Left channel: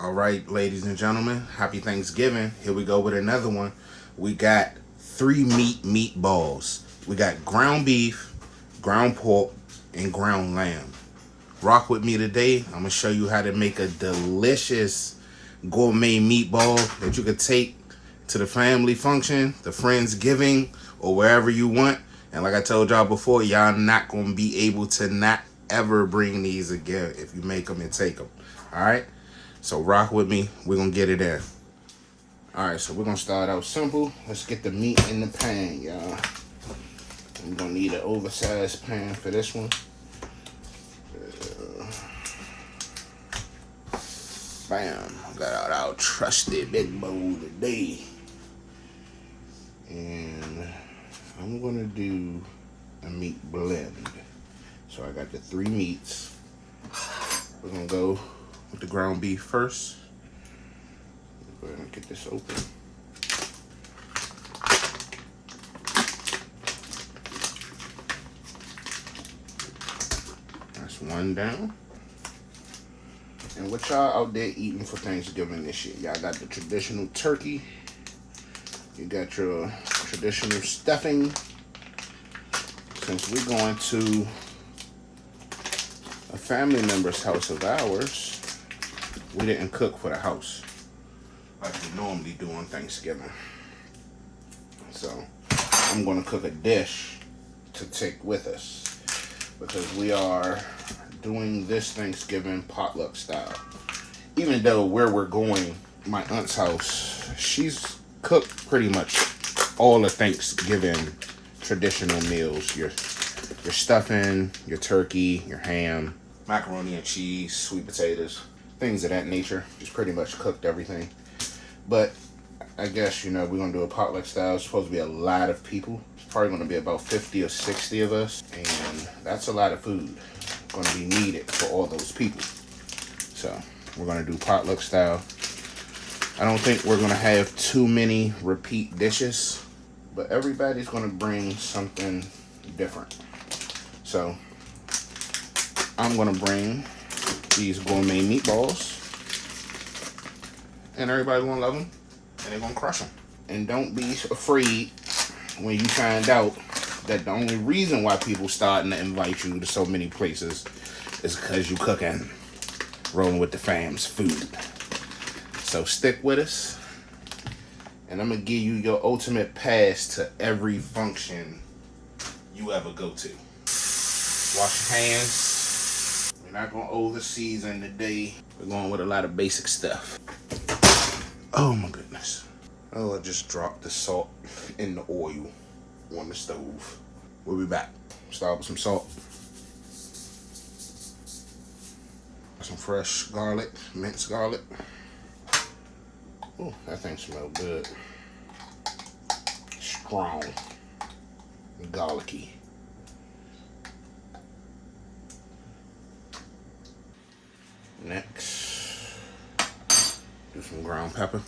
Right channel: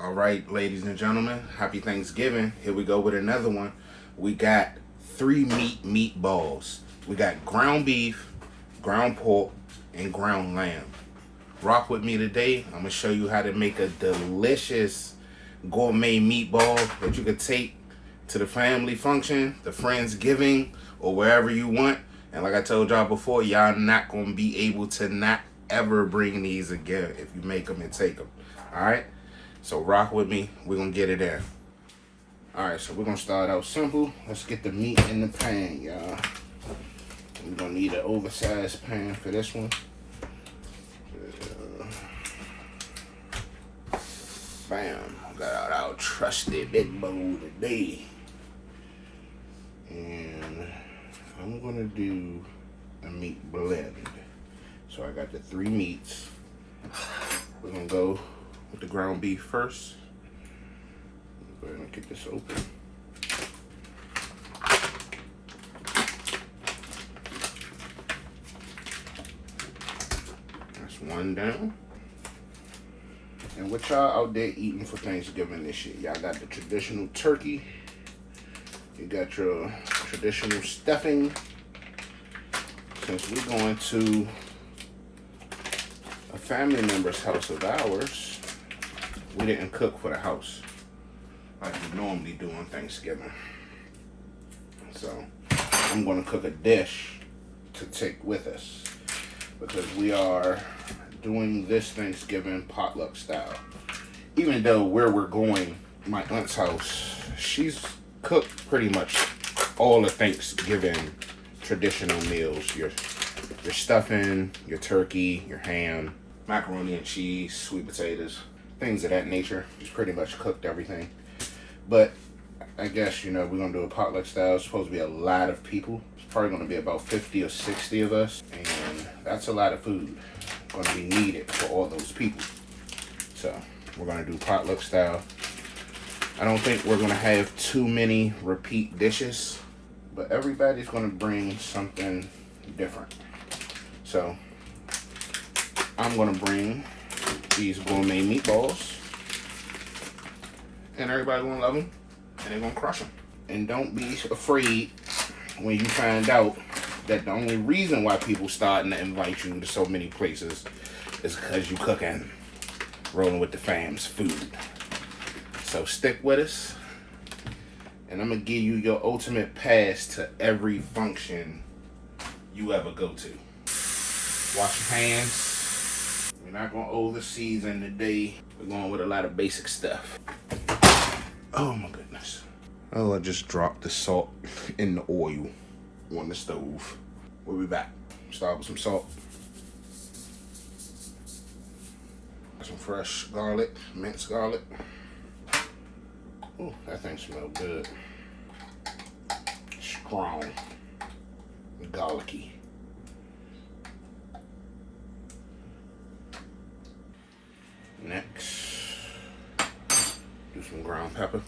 All right, ladies and gentlemen, happy Thanksgiving. Here we go with another one. We got 3 meat meatballs. We got ground beef, ground pork, and ground lamb. Rock with me today. I'm gonna show you how to make a delicious gourmet meatball that you could take to the family function, the Friendsgiving, or wherever you want. And like I told y'all before, y'all not gonna be able to not ever bring these again if you make them and take them. All right. So rock with me, we're gonna get it in. All right, so we're gonna start out simple. Let's get the meat in the pan, y'all. We're gonna need an oversized pan for this one. Bam, got our trusted big bowl today. And I'm gonna do a meat blend. So I got the 3 meats. We're gonna go with the ground beef first. Go ahead and get this open. That's one down. And what y'all out there eating for Thanksgiving this year? Y'all got the traditional turkey. You got your traditional stuffing. Since we're going to a family member's house of ours, we didn't cook for the house like we normally do on Thanksgiving. So I'm gonna cook a dish to take with us because we are doing this Thanksgiving potluck style. Even though where we're going, my aunt's house, she's cooked pretty much all the Thanksgiving traditional meals. Your stuffing, your turkey, your ham, macaroni and cheese, sweet potatoes, things of that nature. Just pretty much cooked everything. But I guess, you know, we're gonna do a potluck style. It's supposed to be a lot of people. It's probably gonna be about 50 or 60 of us. And that's a lot of food gonna be needed for all those people. So we're gonna do potluck style. I don't think we're gonna have too many repeat dishes, but everybody's gonna bring something different. So I'm gonna bring these gourmet meatballs, and everybody's gonna love them, and they're gonna crush them. And don't be afraid when you find out that the only reason why people starting to invite you to so many places is because you cooking, rolling with the fam's food. So stick with us, and I'm gonna give you your ultimate pass to every function you ever go to. Wash your hands. We're not gonna over season today. We're going with a lot of basic stuff. Oh my goodness. Oh, I just dropped the salt in the oil on the stove. We'll be back. Start with some salt. Some fresh garlic, minced garlic. Oh, that thing smells good. Strong. Garlicky. Next, do some ground pepper.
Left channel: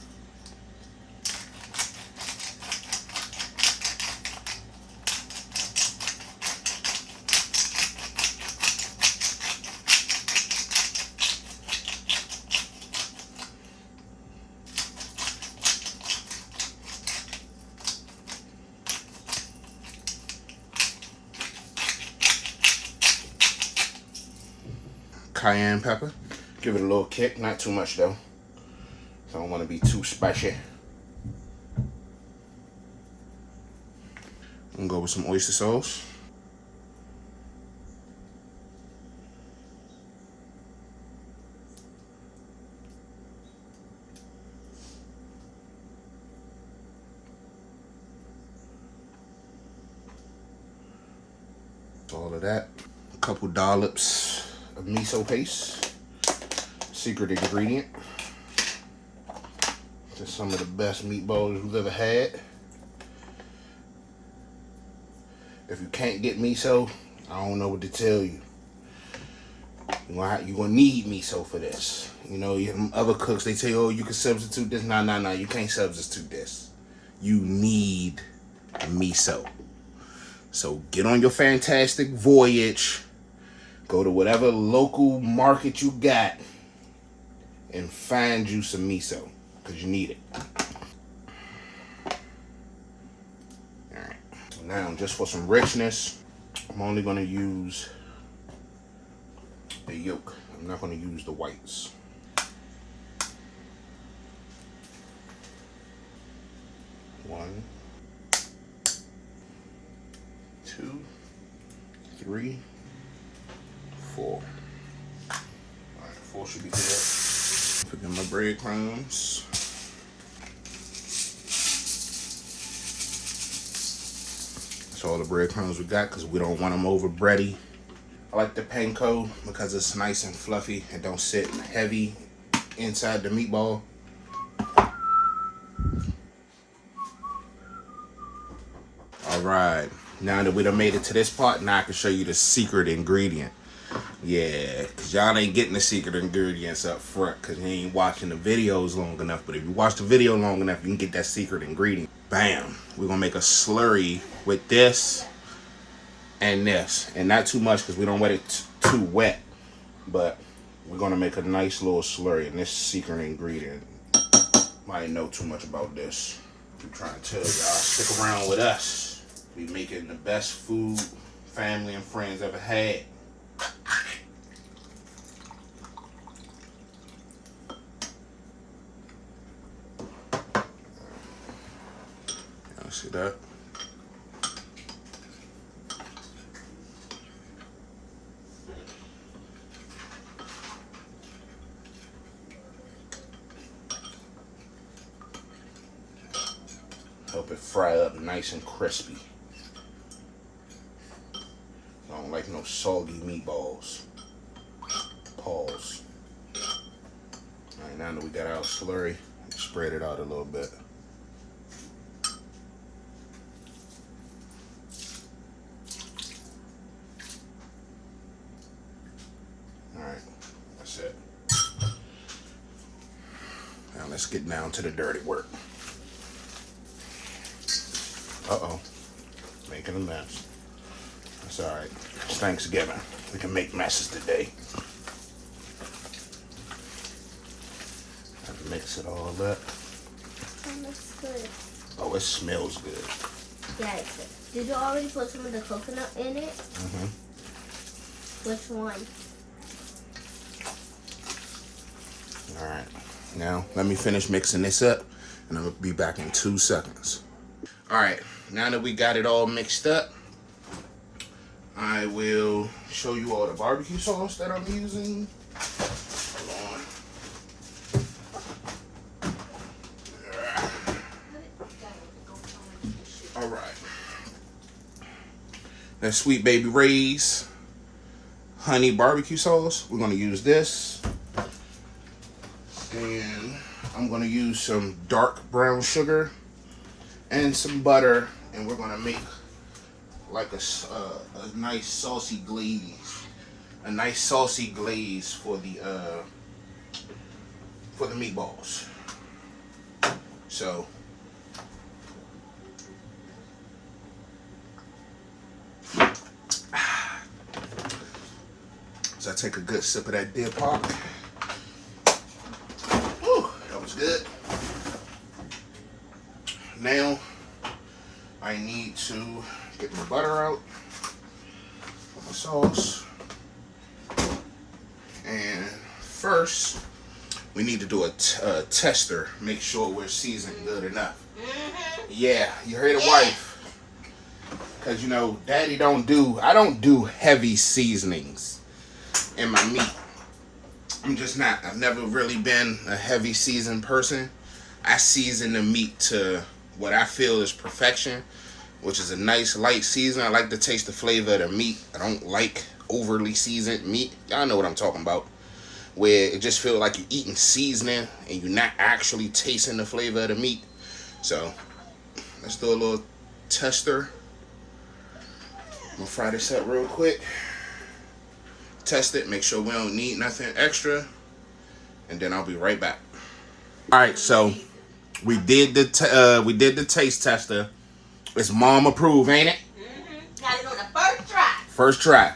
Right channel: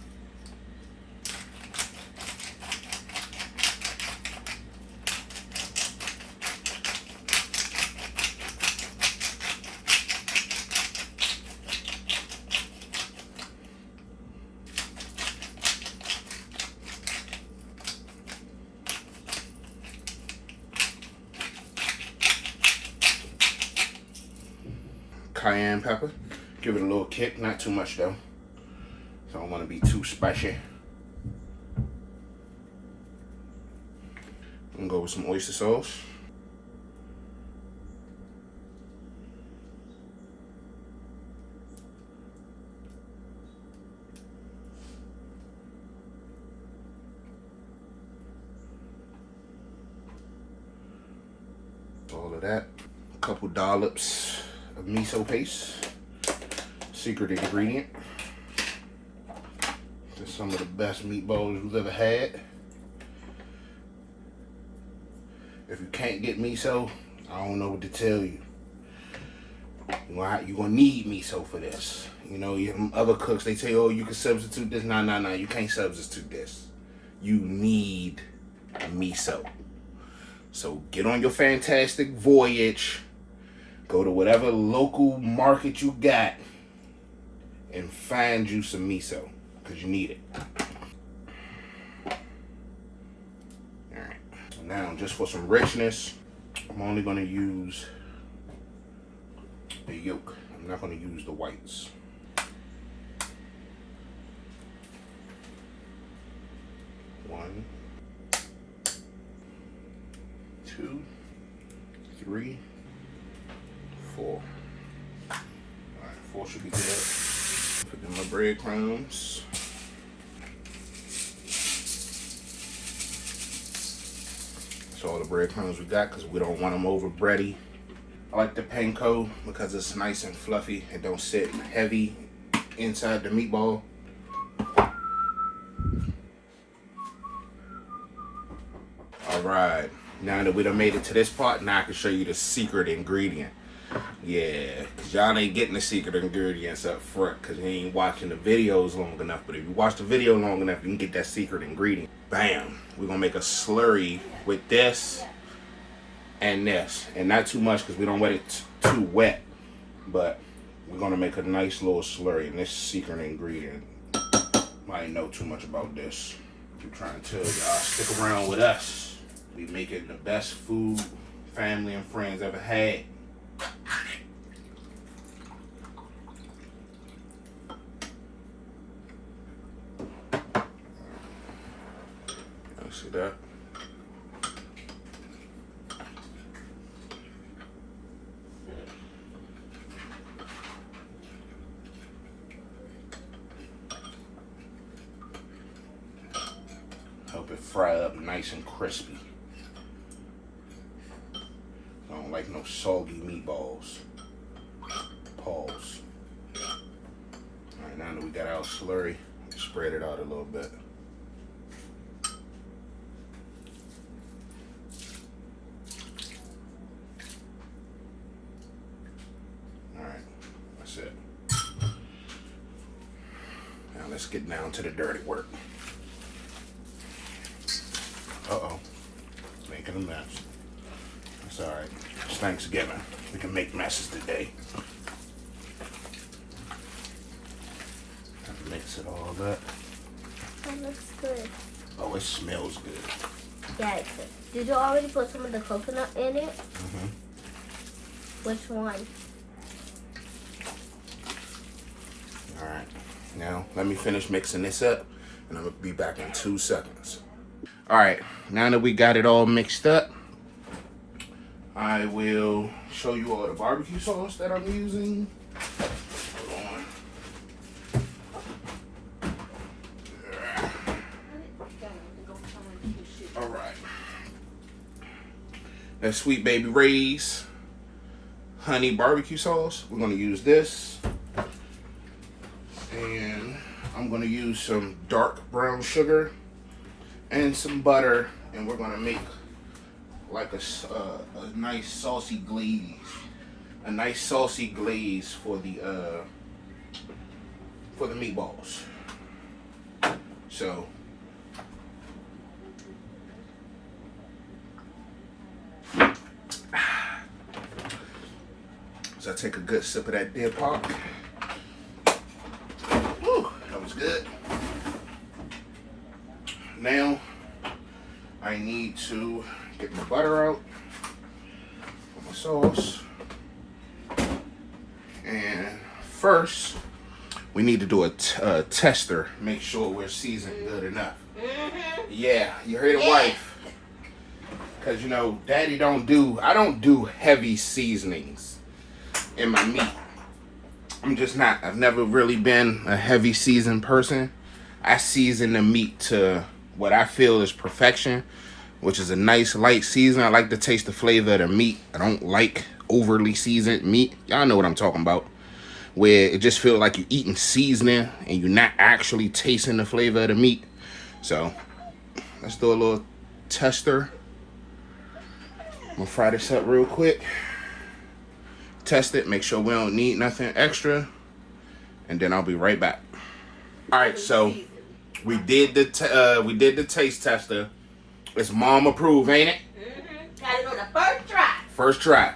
Cayenne pepper. Give it a little kick, not too much though. So I don't want to be too spicy. I'm gonna go with some oyster sauce. All of that. A couple dollops of miso paste. Secret ingredient. Just some of the best meatballs you've ever had. If you can't get miso, I don't know what to tell you. You're gonna need miso for this. You know, other cooks, they say, oh, you can substitute this. No, you can't substitute this. You need miso. So get on your fantastic voyage. Go to whatever local market you got and fine juice of miso, because you need it. Alright, so now just for some richness, I'm only going to use the yolk. I'm not going to use the whites. One, two, three, four. Alright, 4 should be good. Put in my breadcrumbs. That's all the breadcrumbs we got because we don't want them over bready. I like the panko because it's nice and fluffy and don't sit heavy inside the meatball. Alright, now that we done made it to this part, now I can show you the secret ingredient. Yeah, cause y'all ain't getting the secret ingredients up front because you ain't watching the videos long enough. But if you watch the video long enough, you can get that secret ingredient. Bam! We're gonna make a slurry with this and this, and not too much because we don't want it too wet. But we're gonna make a nice little slurry, and this secret ingredient. I ain't know too much about this. I'm trying to tell y'all, stick around with us. We making the best food family and friends ever had. See that? Help it fry up nice and crispy. I don't like no soggy meatballs. Pause. Alright, now that we got our slurry, spread it out a little bit. Alright, that's it. Now let's get down to the dirty work. Uh-oh, making a mess. It's alright. It's Thanksgiving. We can make messes today. Have to mix it all up. That looks good. Oh, it smells good. Yeah, it's good. Did you already put some of the coconut in it? Mm-hmm. Which one? Alright. Now, let me finish mixing this up, and I'll be back in 2 seconds. Alright, now that we got it all mixed up, I will show you all the barbecue sauce that I'm using. Hold on. Alright. That Sweet Baby Ray's honey barbecue sauce. We're going to use this. And I'm going to use some dark brown sugar and some butter, and we're gonna make like a nice saucy glaze, for the meatballs. So I take a good sip of that deer pop. Whew, that was good. Now, I need to get my butter out for my sauce. And first, we need to do a tester. Make sure we're seasoned good enough. Yeah, you heard the wife. Because, you know, Daddy I don't do heavy seasonings in my meat. I'm just not. I've never really been a heavy seasoned person. I season the meat to what I feel is perfection, which is a nice light season. I like to taste the flavor of the meat. I don't like overly seasoned meat. Y'all know what I'm talking about. Where it just feels like you're eating seasoning and you're not actually tasting the flavor of the meat. So let's do a little tester. I'm gonna fry this up real quick. Test it, make sure we don't need nothing extra, and then I'll be right back. All right, so we did the taste tester. It's mom approved, ain't it? Mm-hmm. Got it on the first try. First try.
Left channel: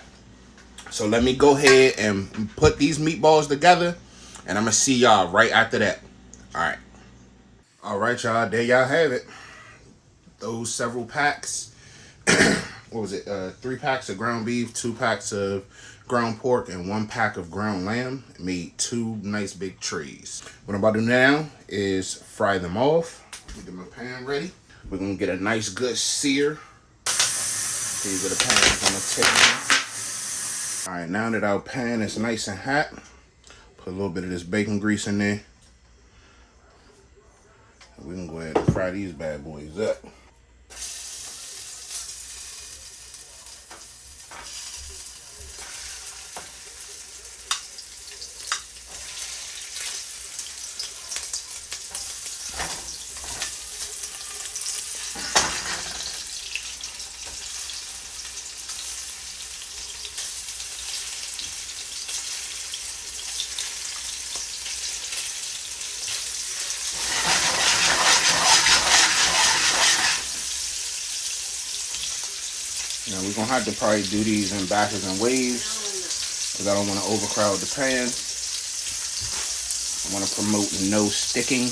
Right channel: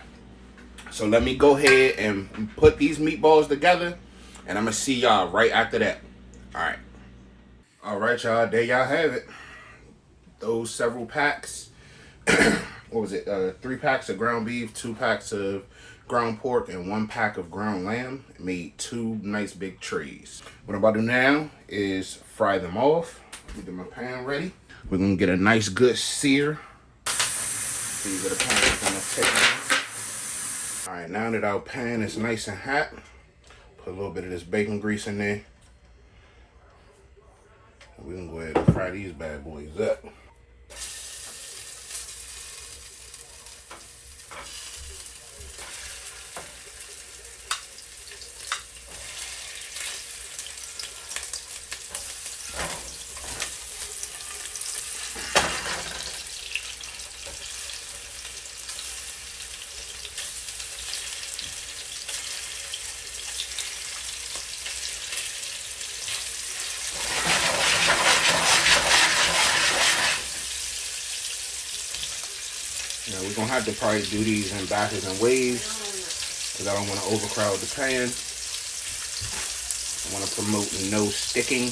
So let me go ahead and put these meatballs together. And I'm gonna see y'all right after that. All right, y'all. There y'all have it. Those several packs. What was it? 3 packs of ground beef, 2 packs of ground pork, and 1 pack of ground lamb made 2 nice big trays. What I'm about to do now is fry them off. Let me get my pan ready. We're gonna get a nice good sear. See where the pan is gonna take. All right, now that our pan is nice and hot, put a little bit of this bacon grease in there. We can go ahead and fry these bad boys up. Now we're gonna have to probably do these in batches and waves because I don't want to overcrowd the pan. I want to promote no sticking.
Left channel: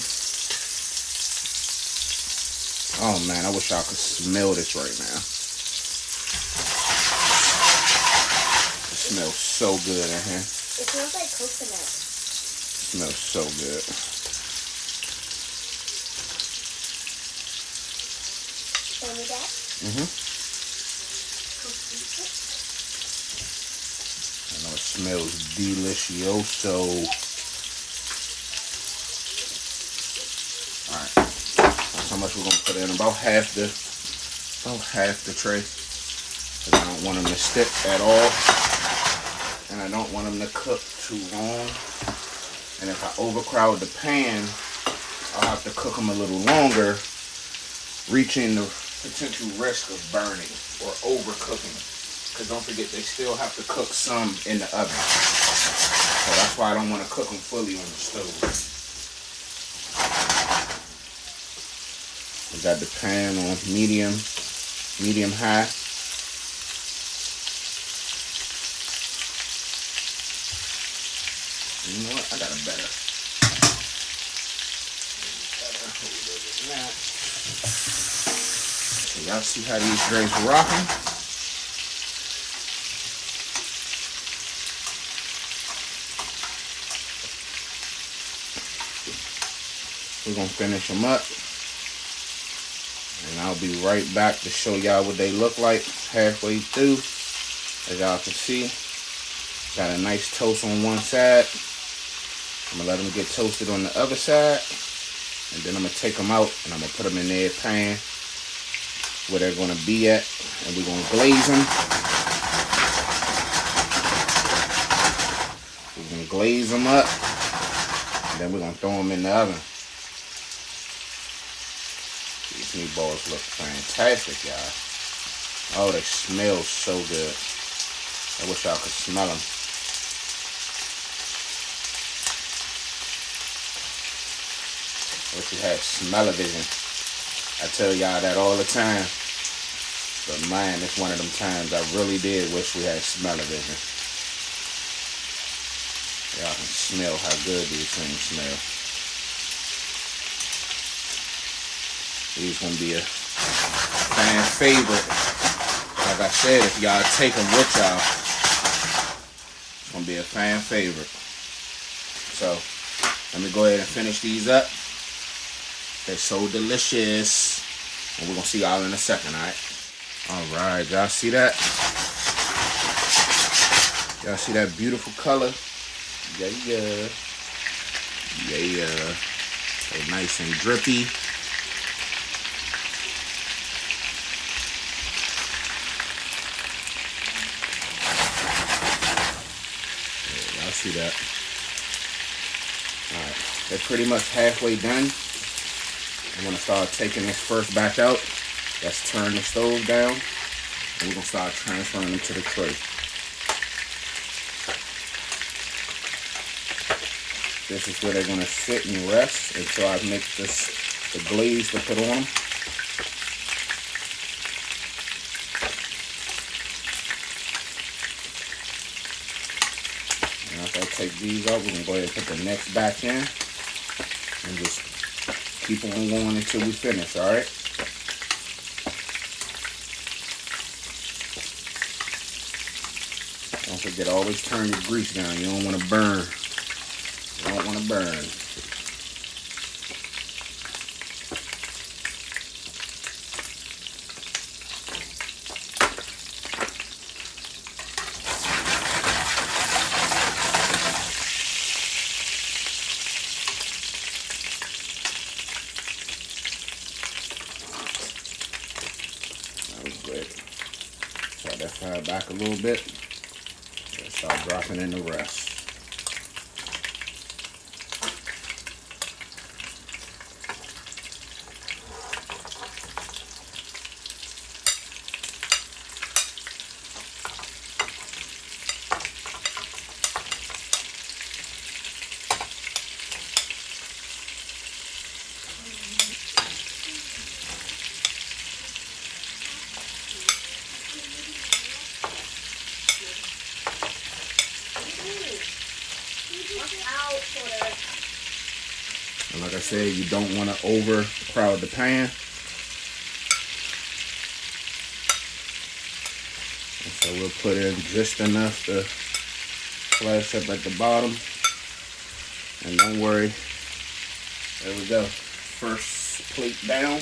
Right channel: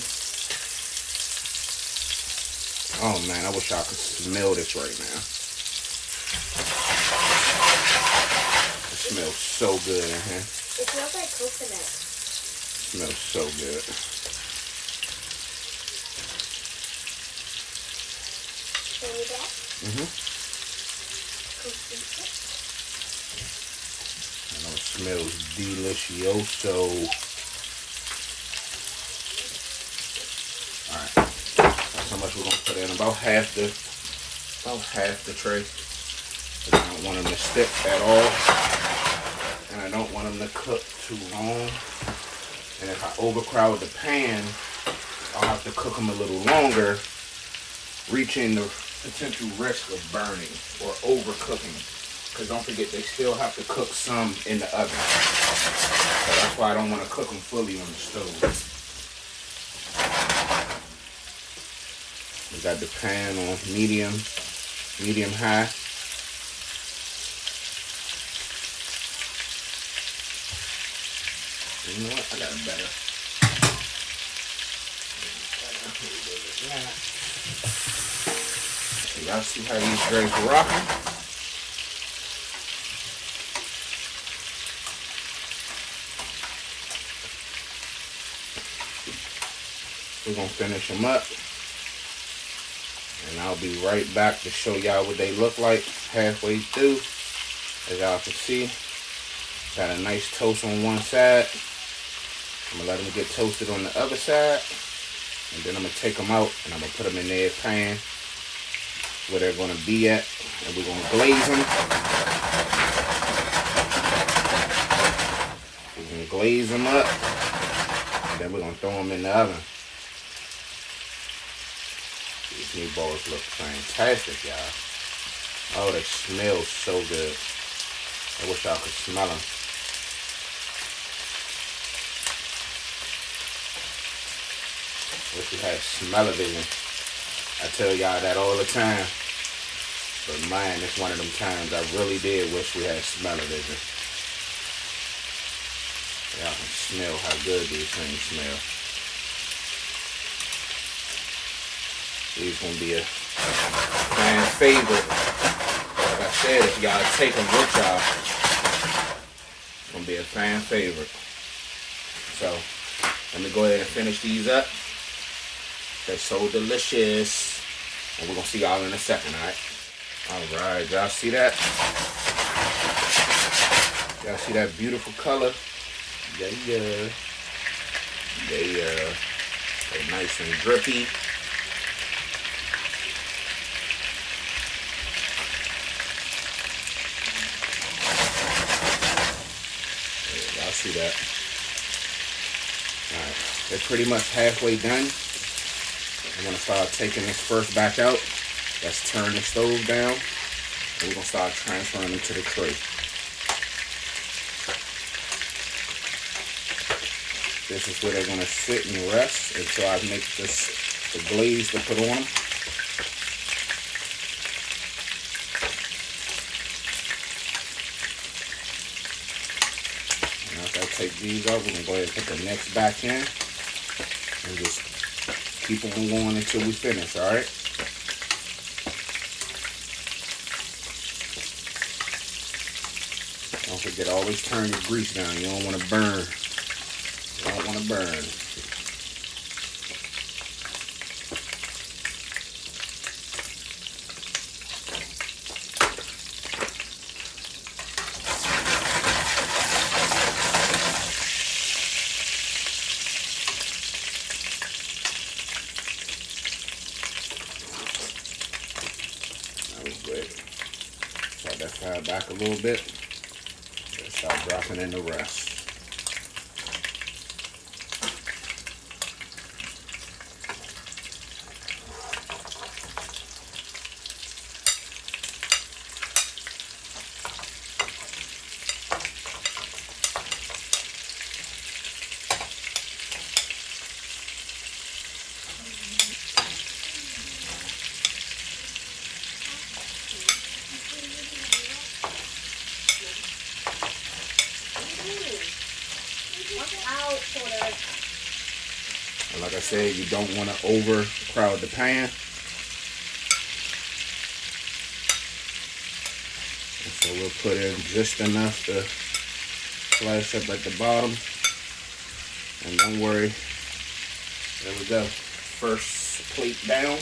Oh man, I wish I could smell this right now. It smells so good in here. It smells like coconut. It smells so good. Show me that? I know it smells delicioso. Alright. That's how much we're gonna put in. About half the tray. I don't want them to stick at all. And I don't want them to cook too long. And if I overcrowd the pan, I'll have to cook them a little longer, reaching the potential risk of burning or overcooking. Because don't forget, they still have to cook some in the oven. So that's why I don't want to cook them fully on the stove. We got the pan on medium high. You know what? I got a better. Y'all see how these drinks are rocking? We're gonna finish them up, and I'll be right back to show y'all what they look like halfway through. As y'all can see, got a nice toast on one side. I'm gonna let them get toasted on the other side, and then I'm gonna take them out and I'm gonna put them in their pan where they're gonna be at, and we're gonna glaze them. We're gonna glaze them up, and then we're gonna throw them in the oven. These meatballs look fantastic, y'all. Oh, they smell so good. I wish y'all could smell them. I wish you had smell-o-vision. I tell y'all that all the time. But man, it's one of them times I really did wish we had smell-o-vision. Y'all can smell how good these things smell. These gonna be a fan favorite. Like I said, if y'all take them with y'all, it's gonna be a fan favorite. So let me go ahead and finish these up. They're so delicious. And we're gonna see y'all in a second, alright? Alright, y'all see that? Y'all see that beautiful color? Yeah. They're nice and drippy. Y'all see that? Alright, they're pretty much halfway done. I'm going to start taking this first batch out. Let's turn the stove down, and we're going to start transferring them to the tray. This is where they're going to sit and rest until I make the glaze to put on them. And after I take these out. We can go ahead and put the next batch in and just keep on going until we finish, all right? Don't forget, always turn your grease down. You don't want to burn. You don't want to burn. Start that fire back a little bit. Start dropping in the rest. And like I said, you don't want to overcrowd the pan. And so we'll put in just enough to flash up at the bottom. And don't worry. There we go. First plate down.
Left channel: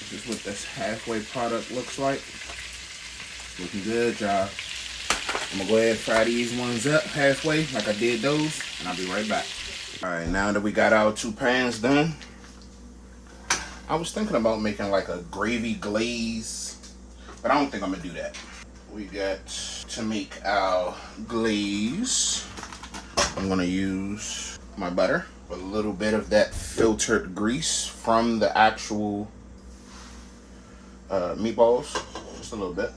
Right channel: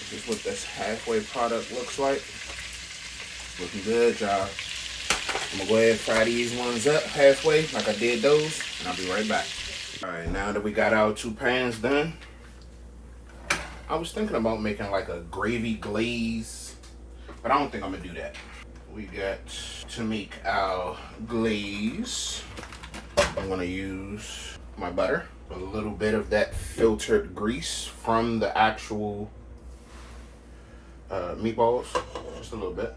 This is what this halfway product looks like. Looking good, y'all. I'm gonna go ahead and fry these ones up halfway like I did those, and I'll be right back. All right, now that we got our 2 pans done, I was thinking about making like a gravy glaze, but I don't think I'm gonna do that. We got to make our glaze. I'm gonna use my butter, a little bit of that filtered grease from the actual meatballs, just a little bit.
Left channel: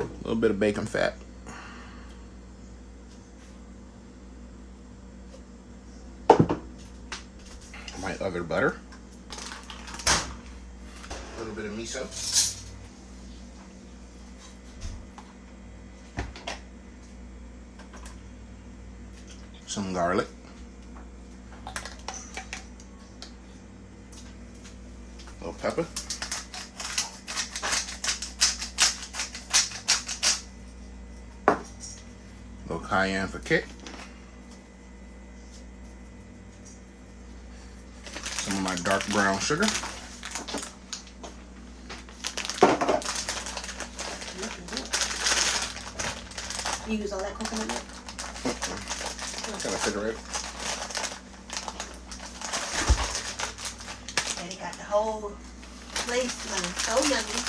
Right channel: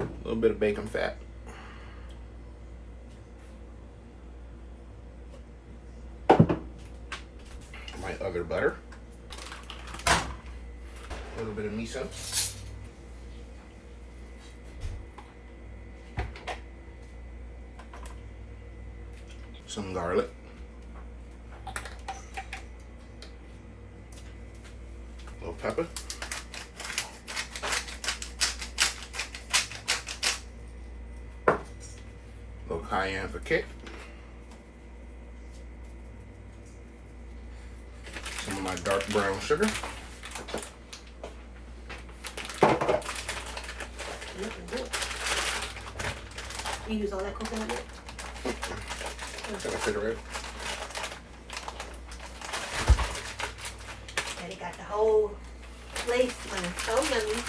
A little bit of bacon fat. My other butter. A little bit of miso. Some garlic. A little pepper. A little cayenne for kick. Some of my dark brown sugar. Looking good. You use all that coconut milk? I'm gonna fit it right. Daddy got the whole place smelling so yummy.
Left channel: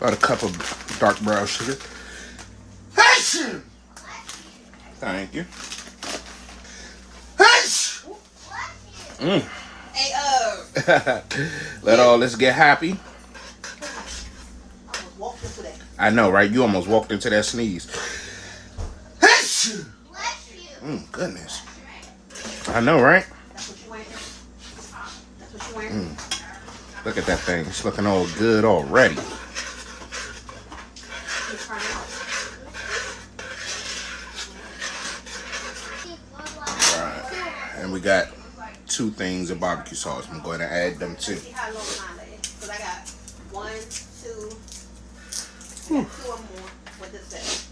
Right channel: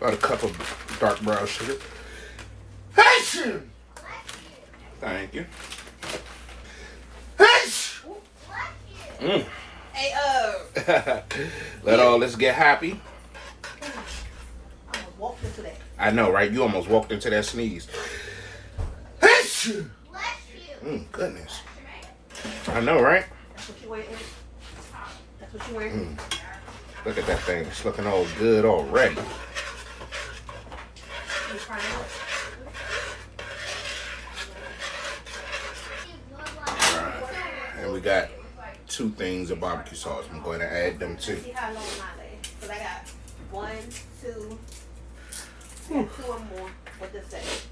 About a cup of dark brown sugar. Thank you. Mm. Hey, Let all this get happy. I almost walked into that. I know, right? You almost walked into that sneeze. Goodness. I know, right? That's what you wearing. That's what you wearing. Look at that thing. It's looking all good already. Alright. And we got 2 things of barbecue sauce. I'm going to add them too. See how long mine is. Because I got 1, 2, 2 or more. What this say?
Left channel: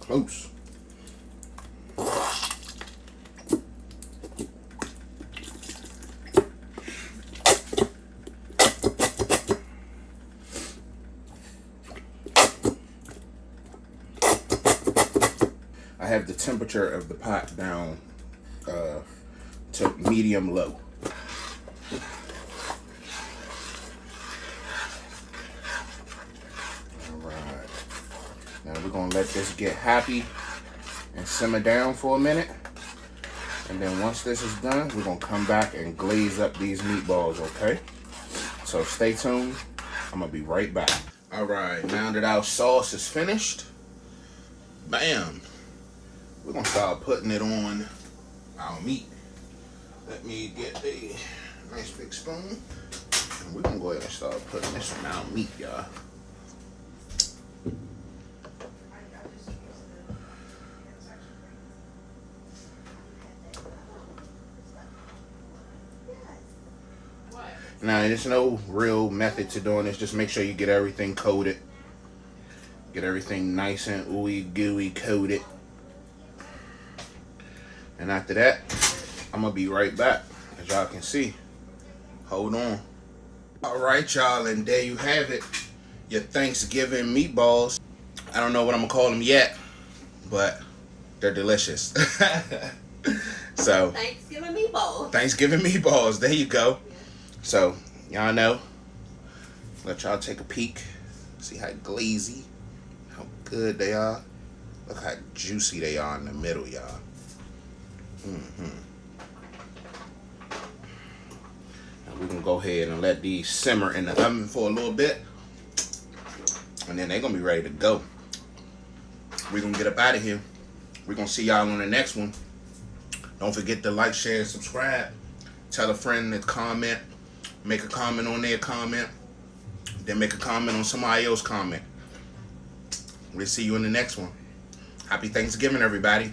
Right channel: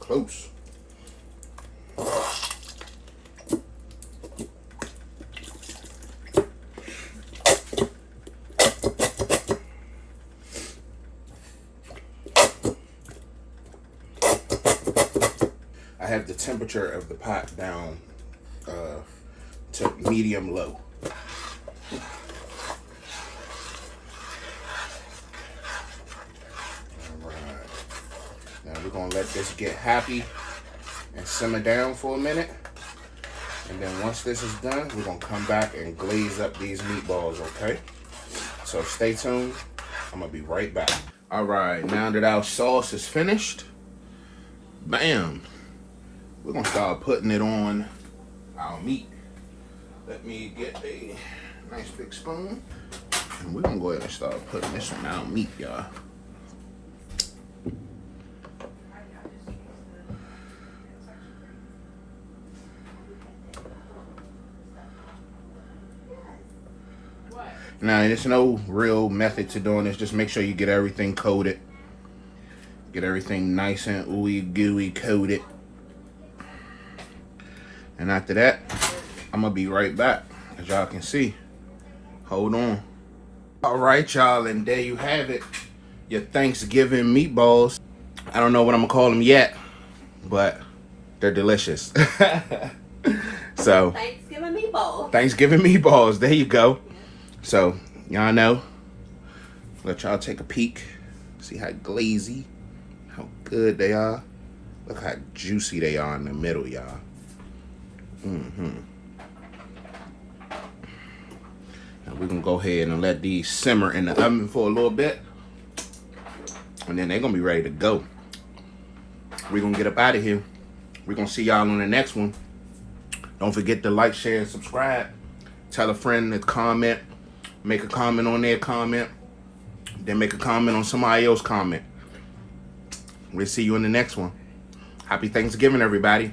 Close. I have the temperature of the pot down to medium low. We're gonna let this get happy and simmer down for a minute. And then once this is done, we're gonna come back and glaze up these meatballs, okay? So stay tuned. I'm gonna be right back. All right, now that our sauce is finished, bam, we're gonna start putting it on our meat. Let me get a nice big spoon. And we're gonna go ahead and start putting this on our meat, y'all. Now, there's no real method to doing this. Just make sure you get everything coated. Get everything nice and ooey gooey coated. And after that, I'm gonna be right back. As y'all can see. Hold on. Alright, y'all, and there you have it. Your Thanksgiving meatballs. I don't know what I'm gonna call them yet, but they're delicious. So Thanksgiving meatballs. Thanksgiving meatballs, there you go. So, y'all know, let y'all take a peek, see how glazy, how good they are. Look how juicy they are in the middle, y'all. We can go ahead and let these simmer in the oven for a little bit, and then they're gonna be ready to go. We're gonna get up out of here. We're gonna see y'all on the next one. Don't forget to like, share, and subscribe. Tell a friend to comment. Make a comment on their comment. Then make a comment on somebody else's comment. We'll see you in the next one. Happy Thanksgiving, everybody.